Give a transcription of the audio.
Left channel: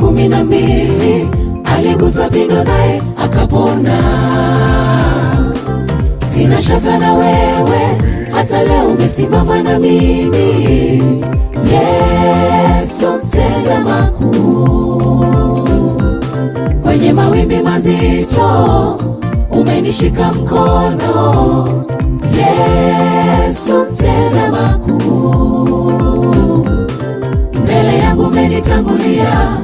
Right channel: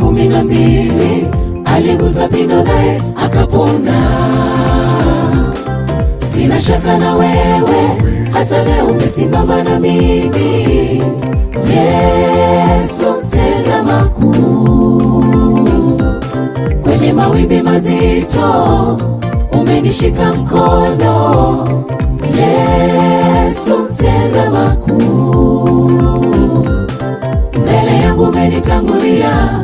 12 aligusa pindo naye akapona. Sina shaka na wewe, hata leo umesimama na mimi. Yesu mtenda makuu, kwenye mawimbi mazito umenishika mkono. Yesu mtenda makuu, mbele yangu umenitangulia.